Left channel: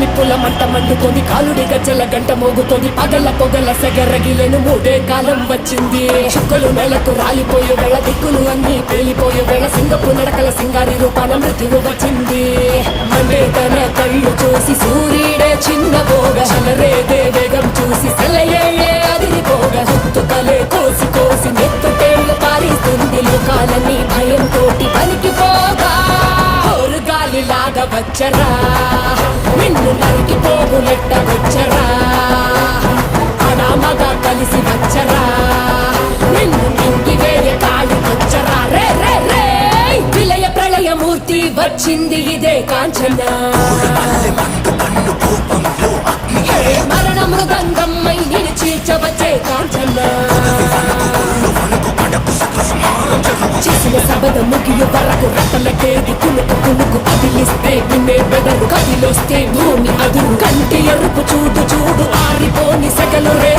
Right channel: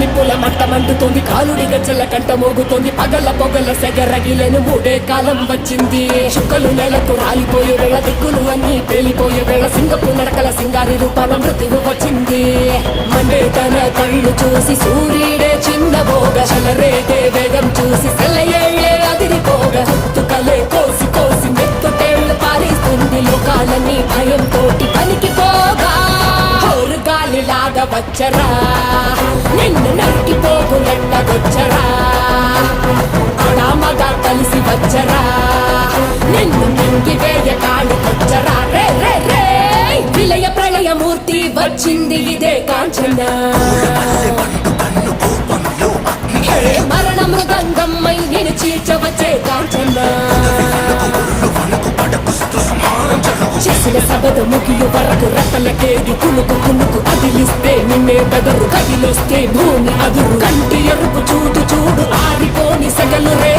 నిప్పుల మంట మండుతోంది, కాలుడి గజ్జల గంట మోగుతోంది, పగల పొగల సెగరగిలేను మూడే కాలం వచ్చింది. చుక్కలు నెలకు రాలిపోయే వేళ, దిక్కులు అన్ని పేలిపోయే వేళ, సింగపు నడకల సింగారి రూపాల మృత్యువు వచ్చింది. మండే తన కళ్ళు చూసి సూర్యుడే చిన్నబోగ, చలరేగే వేగం చూసి సెలయే అదిరిపోగ, చుట్టుకలే కోసి కోసి నెత్తుటేళ్లు పారిస్తుంది, లోకాలన్నీ భయంతోటి పలికిపోగా. గాలిలాగా వచ్చరా, నిన్ను నరికి పోగులెట్టగొచ్చరా, అడామగా కలిసి వచ్చరా, నిన్ను మింగి వేయ కాడుకొచ్చరా. రే రే రే విలయ ప్రళయమూర్తి వచ్చింది ఇదే కాంచన, మరణ మృదంగం మైని చీల్చవచ్చే కాంచన. చేసిన సబద ముగియ వరకు రెక్కలకేది కునుకు కునుకు అదిలిస్తే నిన్నే బెదరు, కదిలొస్తే భూమి అదురు, కంటి ఎరుపు చూడు చూడు ఆరిపోని సెగలు రే